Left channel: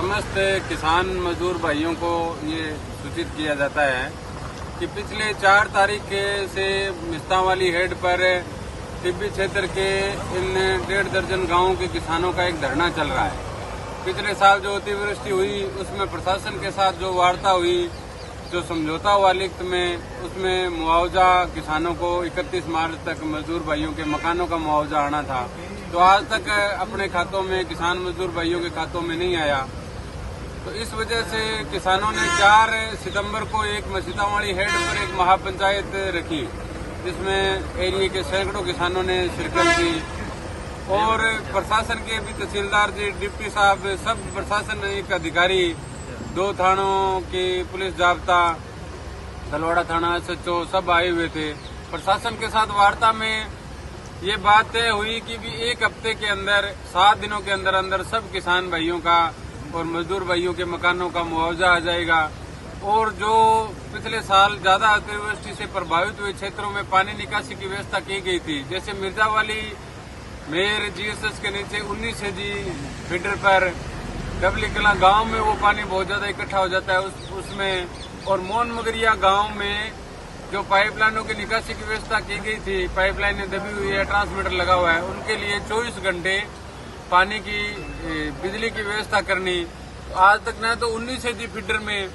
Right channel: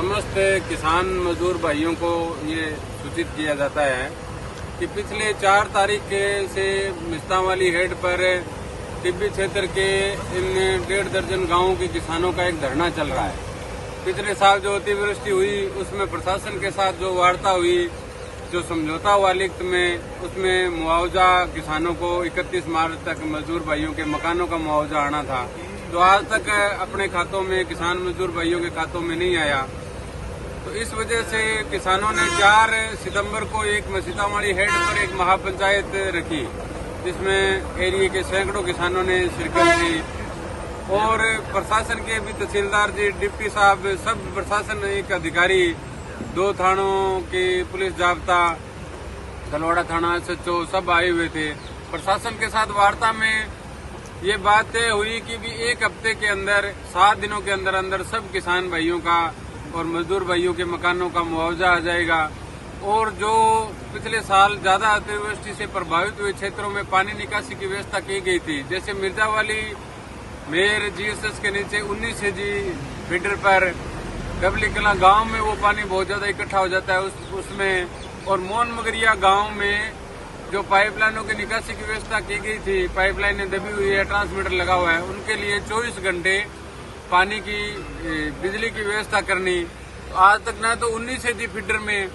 समस्त किसान मजदूर भाइयों को ये सूचित किया जाता है कि पिछले 4 तारीख से मिस्तांवाली हेड पर टिब्बी क्षेत्र के इन 1.5 दर्जन गांवों के किसानों का एक धरना चल रहा है। पिछले साल जो अतिवृष्टि हुई उसमें प्रशासन के साथ जो वार्ता हुई, जो समझौता हुआ लिखित में, उसमें मुआवजा किसानों को 31 मार्च तक मजदूर भाइयों के मकानों का मुआवजा आना था, तो आज तक अपने खातों में किसान मजदूर भाइयों के खातों में नहीं आया। तो इस वजह से किसानों ने 4 सितंबर को एक मसीतावाड़ी हेड पर एक महापंचायत रखी, जिसमें एरिया के सैकड़ों किसानों ने शिरकत की और प्रशासन के भी तहसीलदार जी, डिप्टी साहब, सब प्रशासन एक अधिकारी, 2 थानों के पुलिस जाब्ता, तलवाड़ा थाना, SHO सब आए हुए थे। प्रशासन के साथ वार्ता में ये बात तय हुई कि भी 1 हफ्ते के अंदर, 7 दिनों के अंदर अंदर सब किसान भाइयों का और मजदूर भाइयों के मकानों का मुआवजा आ जाएगा। और जो पिछले साल ज्यादा अतिवृष्टि से प्रभावित हुए क्षेत्रों में पानी निकासी की व्यवस्था की गई थी, जैसे मिर्जावाली मेर GSS के नीचे 19 जी फीडर पर डबली कला गांव में वो पानी बहुत ज्यादा इकट्ठा हो जाता है उसमें, और मोन मगरिया गांव में जो पाइपलाइनों की निकासी की व्यवस्था की गई थी, पाइपलाइनें दबी हुई है, ट्रांसमीटर लगा हुआ है, उनके लिए 24 घंटे पानी की बिजली की व्यवस्था करनी। आज तक न तो 19 जी फीडर में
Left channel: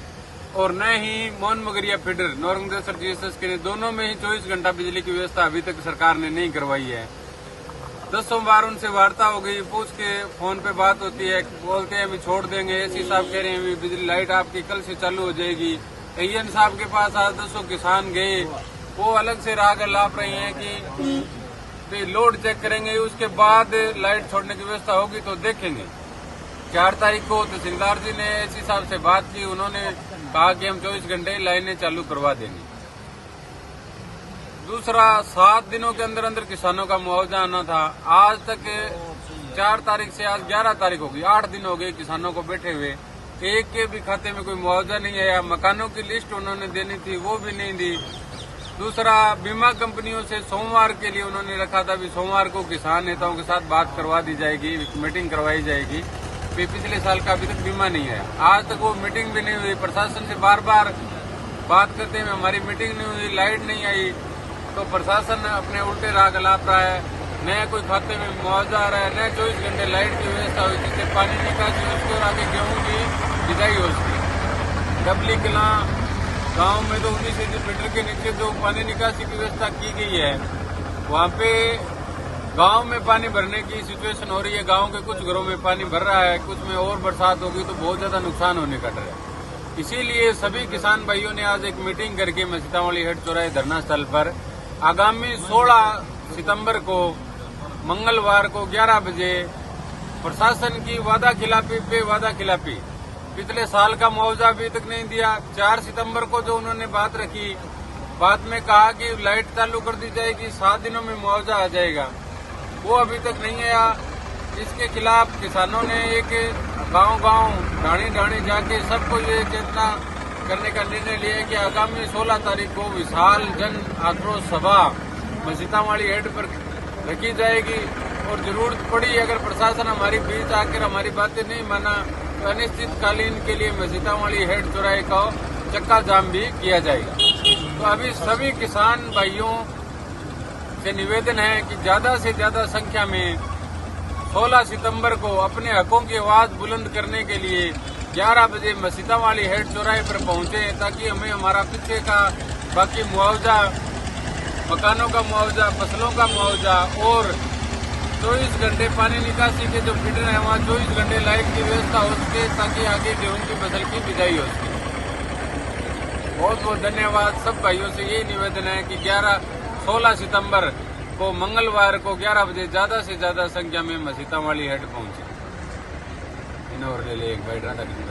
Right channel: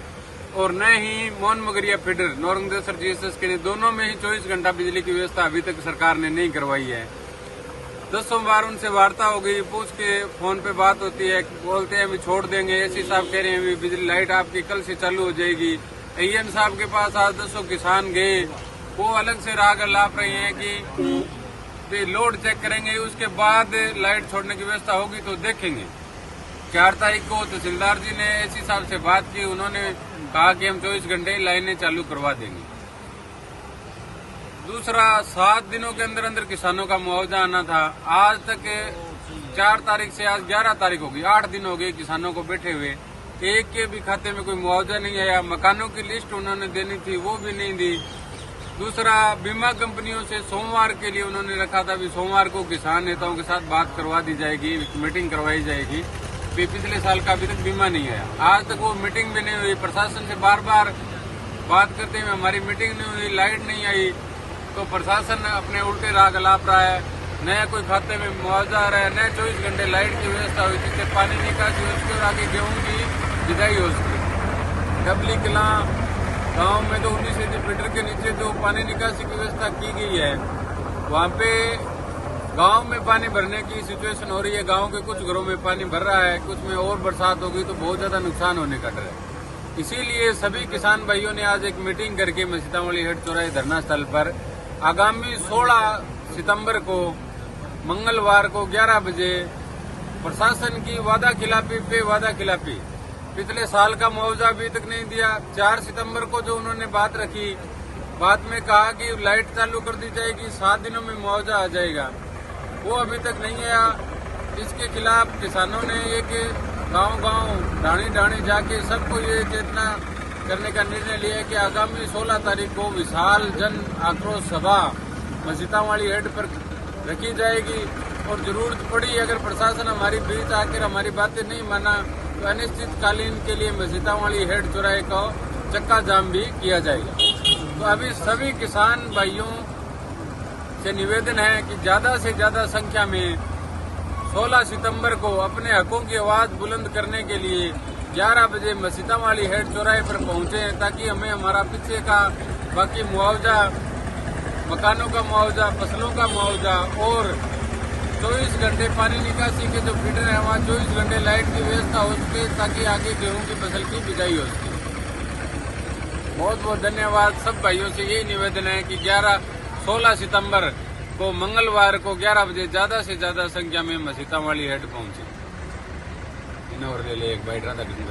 और न ही मोन मगरिया फीडर नौरंगदेसर GSS के दोनों में ही 24 घंटा बिजली की व्यवस्था अभी तक सरकार ने नहीं करवाई है। 10 बार उनसे वार्ता हो गई, पूछ के फोन पे बात होती है, बोलते हैं अभी छोड़ देंगे। एसी साहब कह रहे हैं अभी बिजली लाइट आपकी कल से चालू हो जाएगी। AN साहब के पास आज 10 किसान गए, वो अलग से राग लाप रहे हैं कि लोड चेक करेंगे, उसके बाद लाइट छोड़ने की व्यवस्था होगी तो देखेंगे। 4 तारीख को तहसीलदार जी ने एसी साहब से बात की, उन्होंने कहा कि हम 24 घंटे लाइनें चालू करवा देंगे। दूसरा, 7 दिनों के अंदर अंदर किसानों का मुआवजा आना था। आज तक 4 तारीख से आज 11 तारीख होगी, 8 दिन हो गए किसानों को बैठे हुए, एक के भी खाते में कोई मुआवजा नहीं आया। मकानों की लिस्ट उन्होंने देनी थी, वो भी नहीं दी। दूसरा, बीमा कंपनियों से सोमवार के लिए उन्होंने रखा था, भी सोमवार को किसान नेताओं के साथ बात करवा दी जाएगी, मीटिंग करवाई जाएगी। पिछले साल का अभी तक बीमा नहीं आया, आज तक वो मीटिंग भी नहीं हुई। प्रशासन से बार बार बात करते हुए हमारी मीटिंग नहीं हुई, लाइट नहीं आई, तो प्रशासन अपने उल्टे राग लाप रहा है। न कोई खाते में मुआवजा आ रहा है, न 24 घंटे लाइट की व्यवस्था हुई, जिससे पानी निकासी हो उसकी और आगे गेहूं की बिजाई हो उसकी। डबली कला गांव में तो 19 जी फीडर के नीचे जो पानी निकासी की व्यवस्था की गई है, वहां पे गांव में पानी भरने की सिचुएशन हो रही है। गांव के कुछ घरों में पानी भर रहा है, कुछ में और बरसात होगी तो बहुत ज्यादा नुकसान होने का डर है। इसीलिए सभी किसान भाइयों ने आज एक मीटिंग करके मसीतावाड़ी हेड चौराहे धरना स्थल पर आगामी 16 सितंबर को मंगलवार को 11 बजे प्रशासन की वादा खिलाफी पे वादा खिलाफी, पिछले साल का मुआवजा अभी तक नहीं दिया। 4 सितंबर को जो उन्होंने बात रखी, बात में कहा कि लाइट चालू कर दी जाएगी, 7 दिनों में मुआवजा आ जाएगा, वो अभी तक नहीं आया। इसके खिलाफ किसानों ने एक गांव-गांव, ढाणी जाके सबको ये चेतना करने का निर्णय लिया कि आगामी 16 तारीख को विशाल जन आक्रोश सभा मसीतावाड़ी हेड पर रखी जाएगी, और जरूरत पड़ी अगर प्रशासन हमारी बीच आकर हमारी बातें नहीं माना तो अनिश्चितकालीन के लिए मसीतावाड़ी हेड चौराहे का चक्का जाम भी किया जाएगा। तो अभी सभी किसान भाइयों से निवेदन है कि ज्यादा से ज्यादा संख्या में 16 सितंबर को अपने हकों की आवाज बुलंद करने के लिए 11 बजे मसीतावाड़ी हेड चौराहे पर पहुंचे, ताकि हमें हमारा पीछे का बाकी मुआवजा, मकानों का मुआवजा, फसलों का मुआवजा और 24 घंटे पानी निकासी के जो फीडर है वहाँ 24 घंटे लाइट की व्यवस्था हो सके, ताकि आगे गेहूं की फसल की बिजाई हो सके। बहुत बहुत धन्यवाद। सब भाइयों से यही निवेदन है कि 16 सितंबर को मंगलवार को 11 बजे ज्यादा से ज्यादा संख्या में मसीतावाड़ी हेड पहुंचे। इन और एक बाइट राधा कृष्ण